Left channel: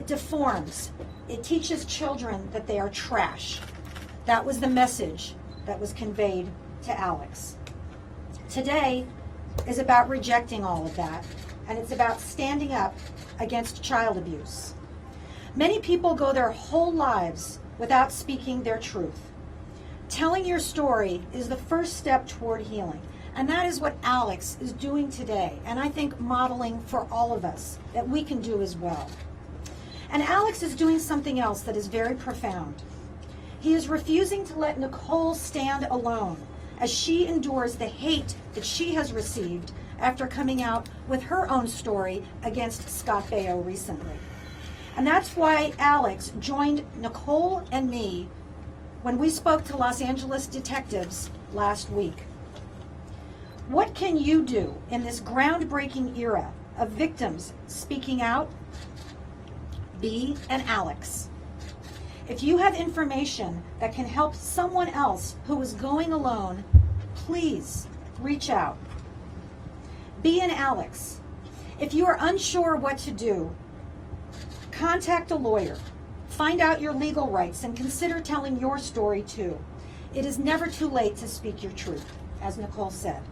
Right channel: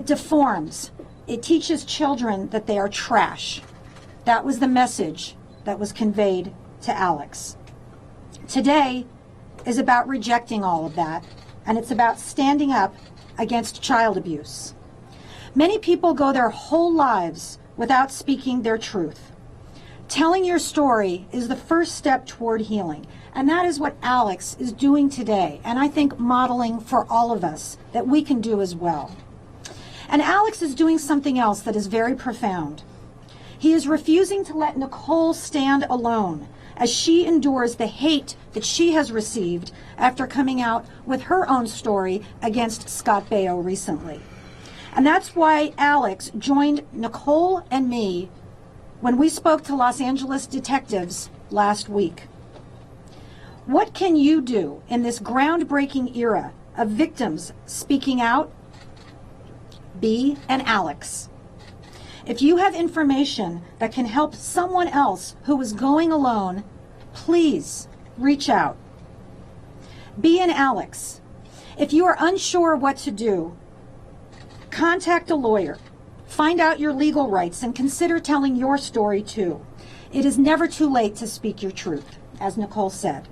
It deforms. It teaches children that they are trash. That was the message that was conveyed to Alex. Today is about rejecting all of that, and it's about standing up against child abuse. Many people go their whole lives without speaking their truth. Telling your story is the first step toward healing, and that is what Alex is doing today, and I think modeling for all of us that we can do as well. And Alex is doing something else that is very profound. He is refusing to let Nicole stand alone as she endures the hate that she has received after coming out with her own story against Scott Baio recently. And that's why Alex joined Nicole and me when we spoke to Los Angeles detectives last week. What can you do in this groundbreaking era of victims speaking out? Be an Alex. If you have information that can help someone else who is going alone, please reach out. Be an Alex. If you are unsure what to do, contact a lawyer. Find out your legal rights and consider telling your story too. It is never too late to speak your truth, as Nicole said.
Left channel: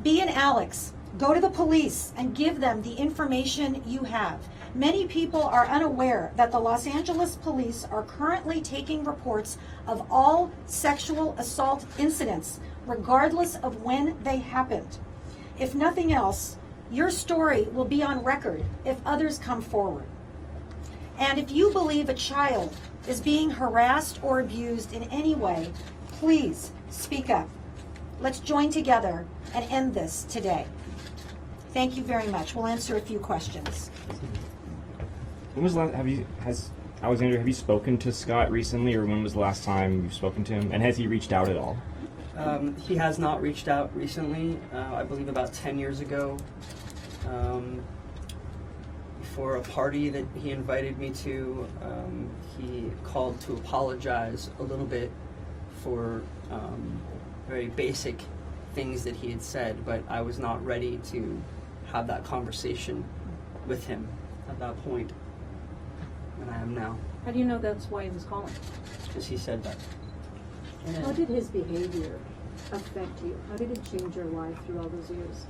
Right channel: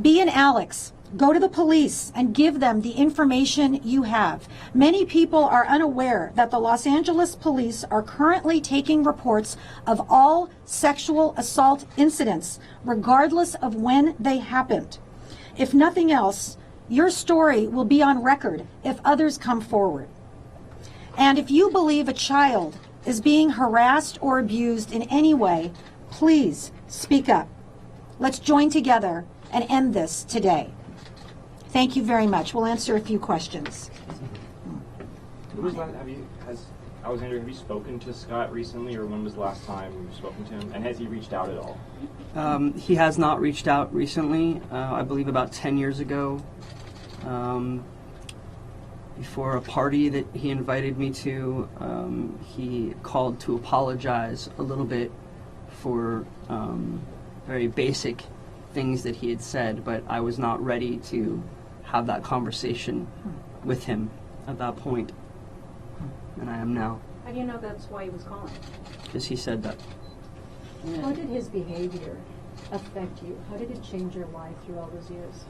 Be an Alex. Go to the police and give them the information you have. Many people are unaware that the Los Angeles police are currently taking reports of all sexual assault incidents, regardless of when they happened. If nothing else, your story will be on record if others come forward. And if you believe a child is being harassed or abused in any way, please speak up. Let's join together and end this today. Thank you very much. We'll answer a few questions. When was Alexandra, have you spoken to Scott recently, or when was the last time you've spoken to him? And has he reached out at all? He has not reached out recently. I believe about 10 years ago, before a party that he invited me to, he called to apologize a little bit for very basic things that he had said, but I was not ready to have that conversation with him at that point, and I am now. How do you know that's why he was calling? Because he said that. How did his behavior affect you? How did it change your life through all those years?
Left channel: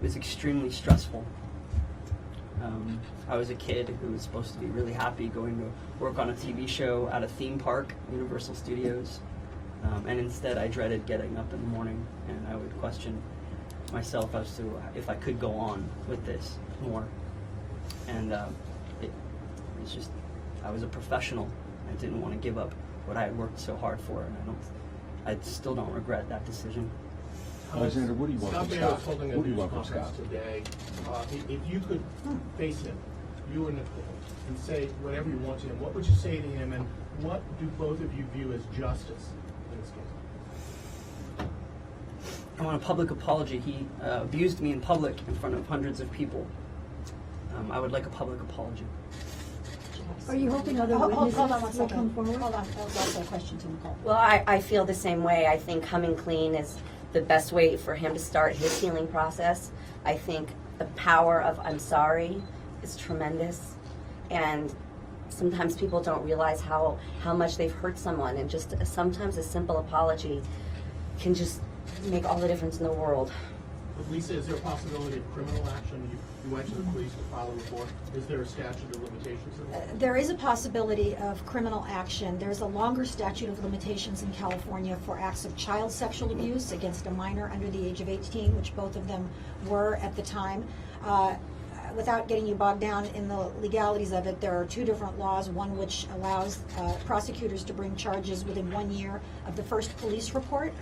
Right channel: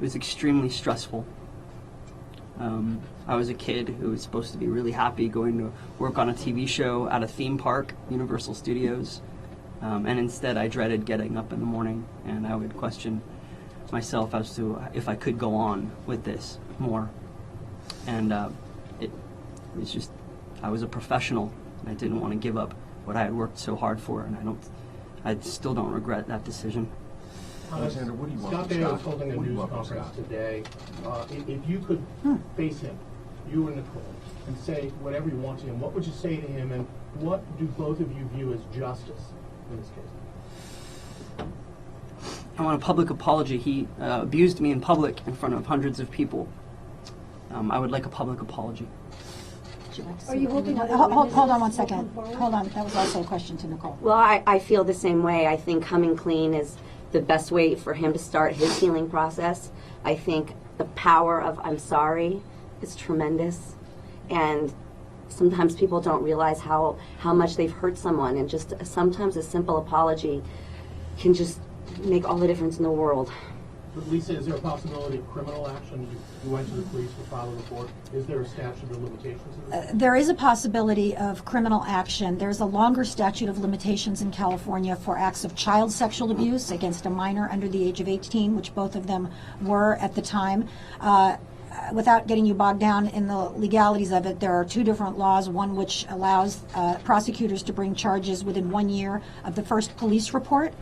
It was extremely stressful. I was a kid who was supposed to be really happy going to work on a TV show at a theme park, Universal Studios, and instead I dreaded getting up in the morning, and I would question myself as to if I could go on with this more. And it was just, I was a professional, and I didn't want to give up what I had worked so hard for, and I still don't regret that decision. Alexander, what do you want from Scott? Scott Baio is holding a news conference today. If you could face him, you and Nicole, and say whatever you want to him, what would you say to him, and what do both of you view as justice in this case? I want a public apology. He abused me in public in front of hundreds of people. I would like a public apology. Are you hoping other Hold on one witnesses will second. come forward? Hold on. That was also a question to Nicole. Well, I feel the same way. I think coming clean is the best way for him to start his healing process. I think the power of I'm sorry is tremendous, and sometimes people don't realize how much they've hurt someone, and just sometimes a simple apology can just make all the difference in the world. Lisa, is there a possibility of criminal action? You went to the police to file a report. Is there a statute of limitations? There is a possibility of criminal action. There's a longer statute of limitations in California for acts of child sexual abuse against a minor under the age of 18, which both of them were at the time. Without getting you bogged down in the legalities of it, there are two different laws, one which allows prosecutors to bring charges within 1 year of the first police report.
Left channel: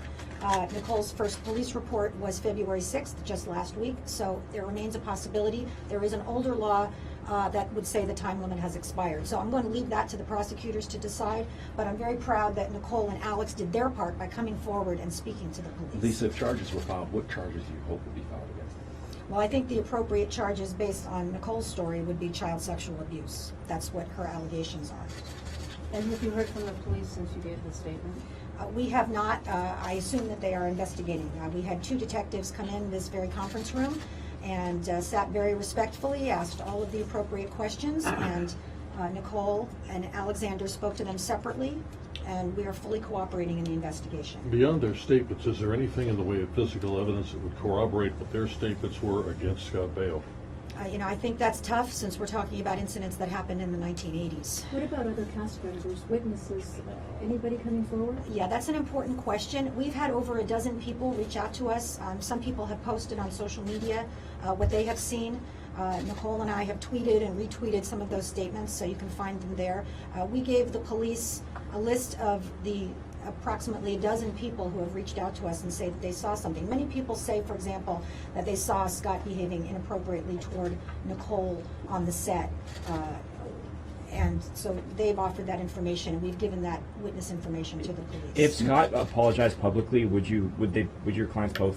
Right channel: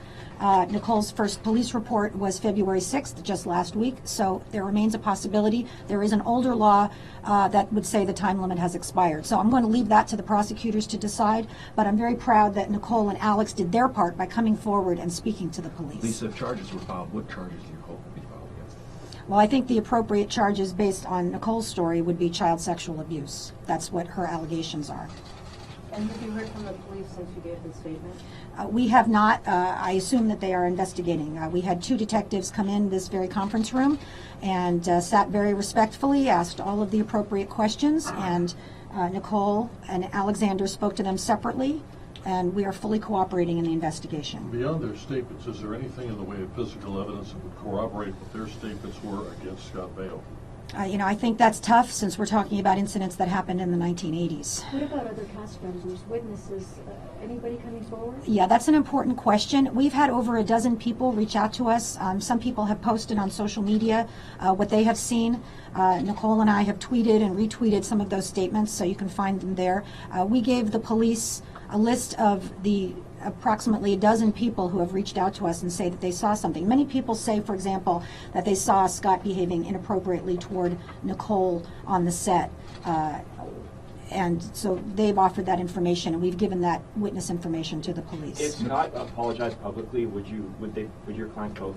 Nicole's first police report was February 6th, just last week, so there remains a possibility. There is an older law that would say the time limit has expired. So I'm going to leave that to the prosecutors to decide, but I'm very proud that Nicole and Alex did their part by coming forward and speaking to the police. Lisa, if charges were filed, what charges do you hope would be filed against them? Well, I think the appropriate charges based on Nicole's story would be child sexual abuse. That's what her allegations are. And have you heard from the police since you gave the statement? We have not. I assume that they are investigating. We had two detectives come in this very conference room, and sat very respectfully, asked all of the appropriate questions, and Nicole and Alexander spoke to them separately, and we are fully cooperating in the investigation. Beyond their statements, is there anything in the way of physical evidence that would corroborate what their statements were against Scott Baio? I think that's tough since we're talking about incidents that happened in the 1980s. What about other cast members, witnesses, anybody coming forward? Yeah, that's an important question. We've had over a dozen people reach out to us. Some people have posted on social media what they have seen. Nicole and I have tweeted and retweeted some of those statements, so you can find them there. We gave the police a list of the approximately a dozen people who have reached out to us and say that they saw something. Many people say, for example, that they saw Scott behaving inappropriately toward Nicole on the set. And so they've offered that information, and we've given that witness information to the police. If Scott apologized publicly, would your clients both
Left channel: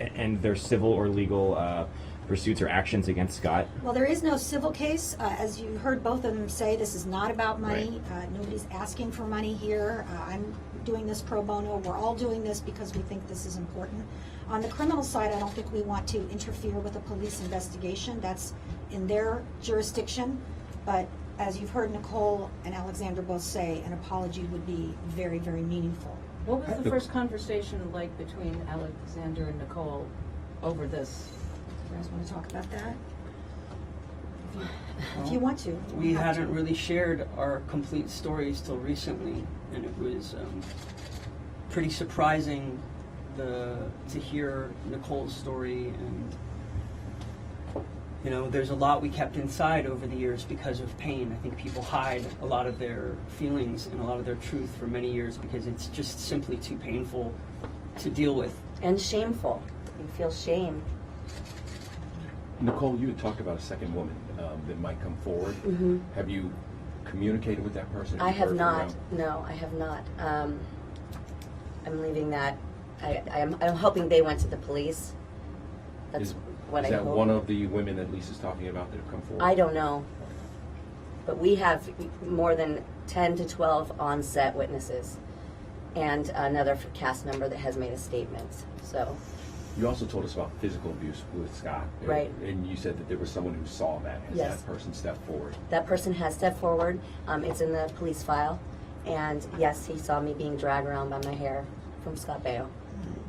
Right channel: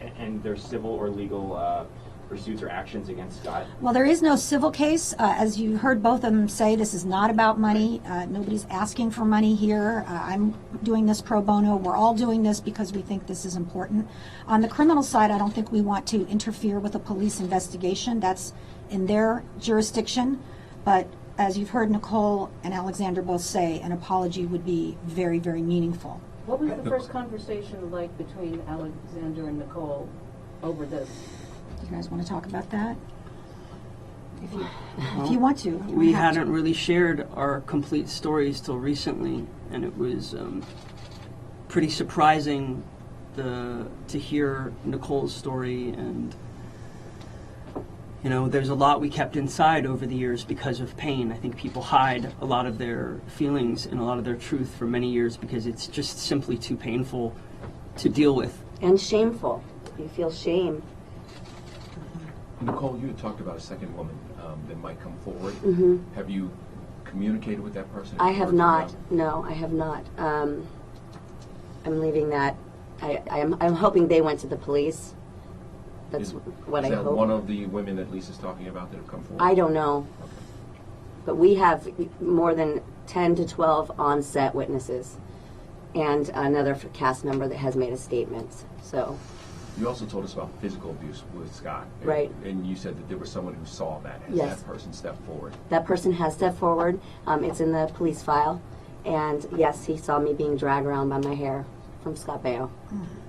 end their civil or legal pursuits or actions against Scott? Well, there is no civil case. As you heard both of them say, this is not about money. Nobody's asking for money here. I'm doing this pro bono. We're all doing this because we think this is important. On the criminal side, I don't think we want to interfere with a police investigation. That's in their jurisdiction. But as you've heard Nicole and Alexander both say, an apology would be very, very meaningful. What was the first conversation like between Alexander and Nicole over this? You guys want to talk about that? If you want to. We hadn't really shared our complete stories till recently, and it was pretty surprising to hear Nicole's story. And there's a lot we kept inside over the years because of pain. I think people hide a lot of their feelings and a lot of their truth for many years because it's just simply too painful to deal with. And shameful. You feel shame. Nicole, you had talked about a second woman that might come forward. Mm-hmm. Have you communicated with that person? I have Heard from not. them? No, I have not. I'm leaving that. I'm hoping they went to the police. That's what I hope. Is that one of the women that Lisa's talking about that have come forward? I don't know. But we have more than 10 to 12 on-set witnesses and another cast member that has made a statement. So. You also told us about physical abuse with Scott. Right. And you said that there was someone who saw that. Has Yes. that person stepped forward? That person has stepped forward. It's in the police file. And yes, he saw me being dragged around by my hair from Scott Baio.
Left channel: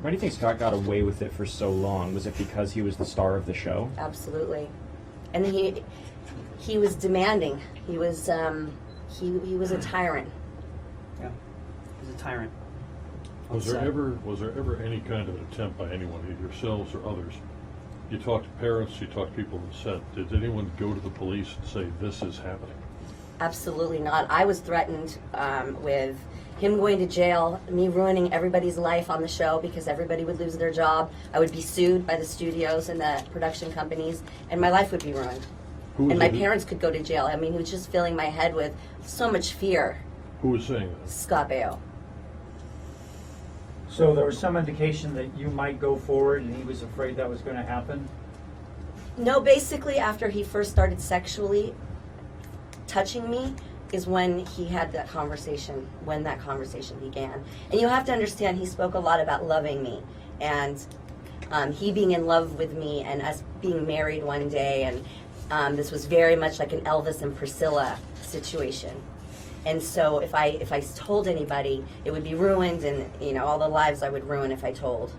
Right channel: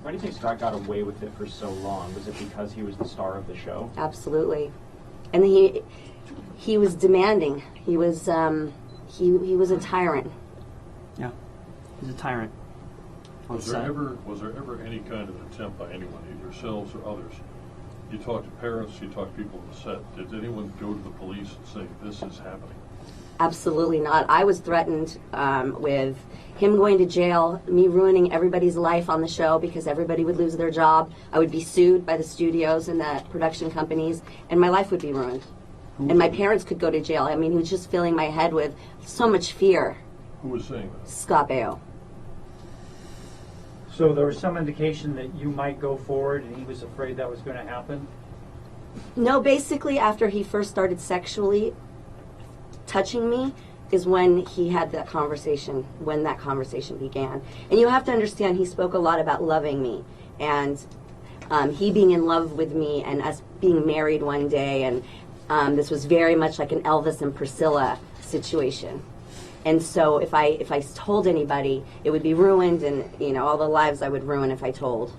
Why do you think Scott got away with it for so long? Was it because he was the star of the show? Absolutely. And he was demanding. He was he was a tyrant. Yeah, he's a tyrant. Was there ever any kind of attempt by anyone, either yourselves or others? You talked to parents, you talked to people on the set. Did anyone go to the police and say, this is happening? Absolutely not. I was threatened with him going to jail, me ruining everybody's life on the show because everybody would lose their job. I would be sued by the studios and the production companies, and my life would be ruined. And my parents could go to jail. I mean, he was just filling my head with so much fear. Who was saying that? Scott Baio. So there was some indication that you might go forward and he was afraid that was going to happen? No, basically after he first started sexually touching me is when he had that conversation, when that conversation began. And you have to understand, he spoke a lot about loving me and he being in love with me and us being married one day. And this was very much like an Elvis and Priscilla situation. And so if I told anybody, it would be ruined, and all the lives I would ruin if I told.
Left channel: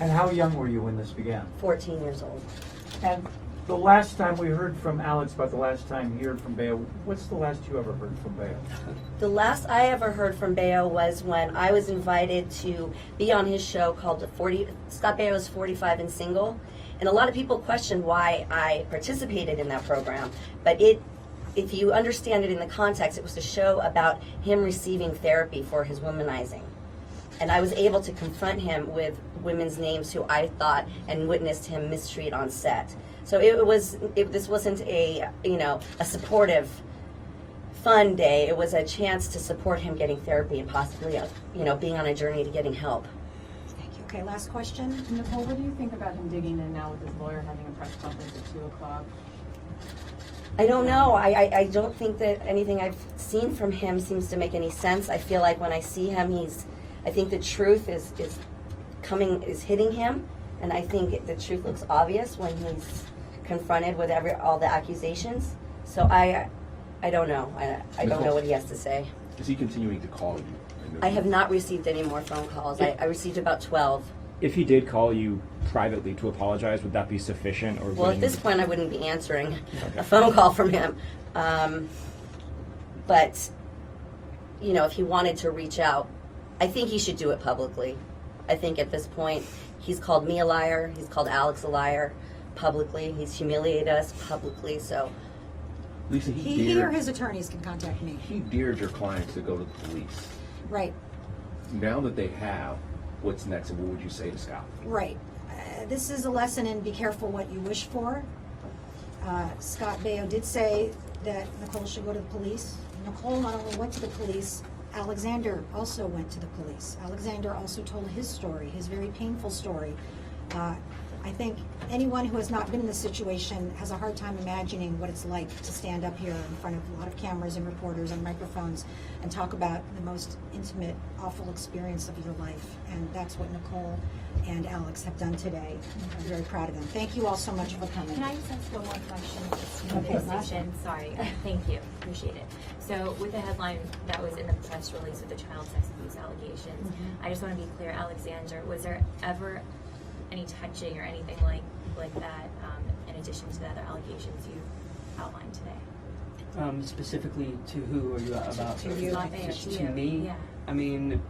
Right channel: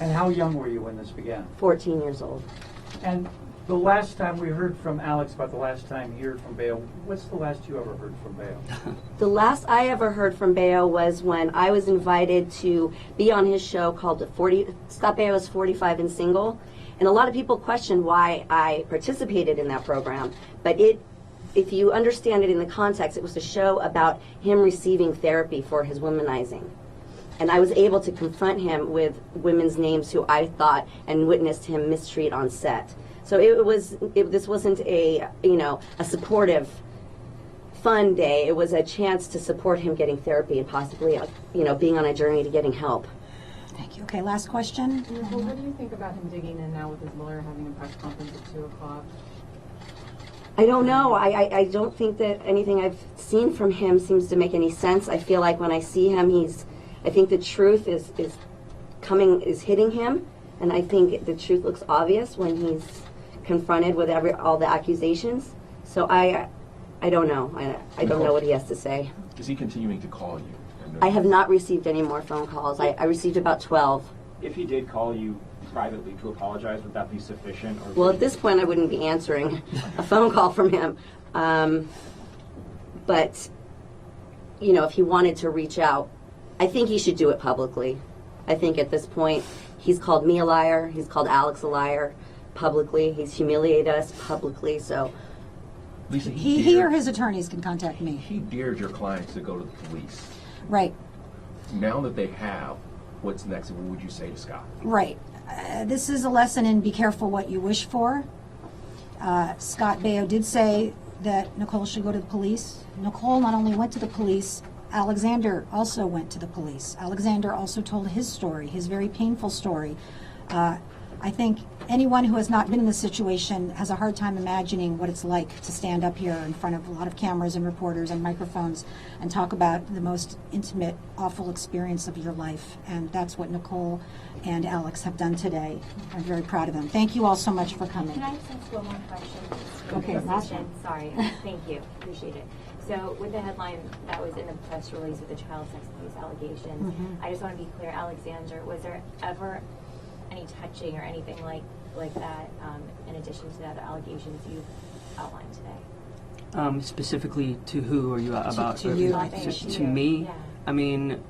And how young were you when this began? 14 years old. And the last time we heard from Alex about the last time he heard from Baio, what's the last you ever heard from Baio? The last I ever heard from Baio was when I was invited to be on his show called Scott Baio is 45 and Single. And a lot of people questioned why I participated in that program. But if you understand it in the context, it was a show about him receiving therapy for his womanizing. And I was able to confront him with women's names who I thought and witnessed him mistreat on set. So this wasn't a supportive, fun day. It was a chance to support him getting therapy and possibly, being on a journey to getting help. Thank you. Okay, last question. Nicole, what do you think about him digging in now with his lawyer having a press conference at 2 o'clock? I don't know. I don't think that anything I've seen from him seems to make any sense. I feel like when I see him, I think the truth is hitting him, And I think the truth looks obvious when he's confronted with all the accusations. So I don't know. I don't know what he has to say. Is he continuing to call you? I have not received any more phone calls. I received about 12. If he did call you privately to apologize, would that be sufficient? Or Well, would at you- this point, I wouldn't be answering a phone call from him. But, you know, if he wanted to reach out, I think he should do it publicly. I think at this point, he's called me a liar. He's called Alex a liar publicly. He's humiliated us publicly. So Lisa, He or his attorneys can contact me. He dared your clients to go to the police. Right, Now that they have, what's next, and what would you say to Scott? right. This is a lesson in be careful what you wish for. Scott Baio did say that Nicole should go to the police. Nicole not only went to the police, Alexander also went to the police. Alexander also told his story, his very painful story. I think anyone who has not been in this situation has a hard time imagining what it's like to stand up here in front of a lot of cameras and reporters and microphones and talk about the most intimate, awful experience of your life. And that's what Nicole and Alex have done today. I'm very proud of them. Thank you all so much for coming. Can I just ask one more question? Okay, last Station. Sorry. Thank you. Appreciate it. So with the headline that was in the press release with the child sex abuse allegations, I just want to be clear, Alexander, was there ever any touching or anything like that in addition to the other allegations you outlined today? Specifically to who are you about? To you. To me? Yeah. I mean,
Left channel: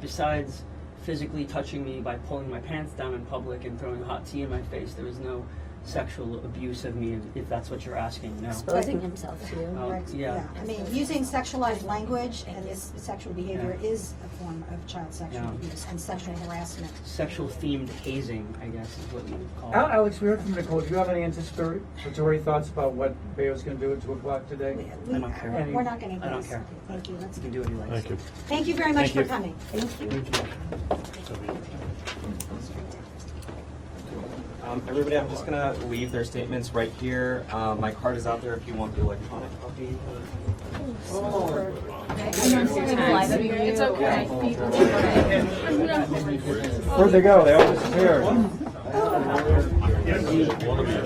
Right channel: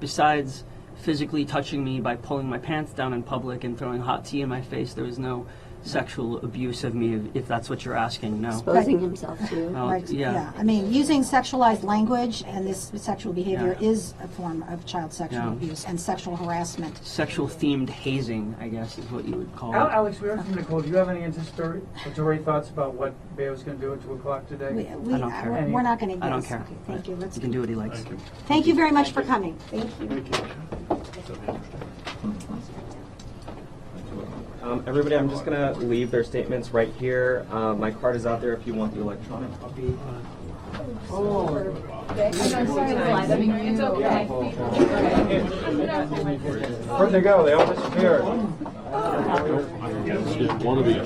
besides physically touching me by pulling my pants down in public and throwing hot tea in my face, there was no sexual abuse of me, if that's what you're asking, no. exposing himself to. Well, Right, yeah. I mean, using sexualized language and this sexual behavior Yeah. is a form of child sexual Yeah. abuse and sexual harassment. Sexual themed hazing, I guess, is what you would call it. Alex, we heard from Nicole. Do you have any anticipatory thoughts about what Baio's going to do at 2 o'clock today? I don't care. We're not going to guess. I don't care. Okay, thank you. Let's He can do what he likes. Thank you. Thank you very much Thank for you. coming. Thank you. That'd be interesting. Everybody, I'm just gonna leave their statements right here. My card is out there if you want the electronic copy. It's okay. Where'd they go? They all disappeared. One of you.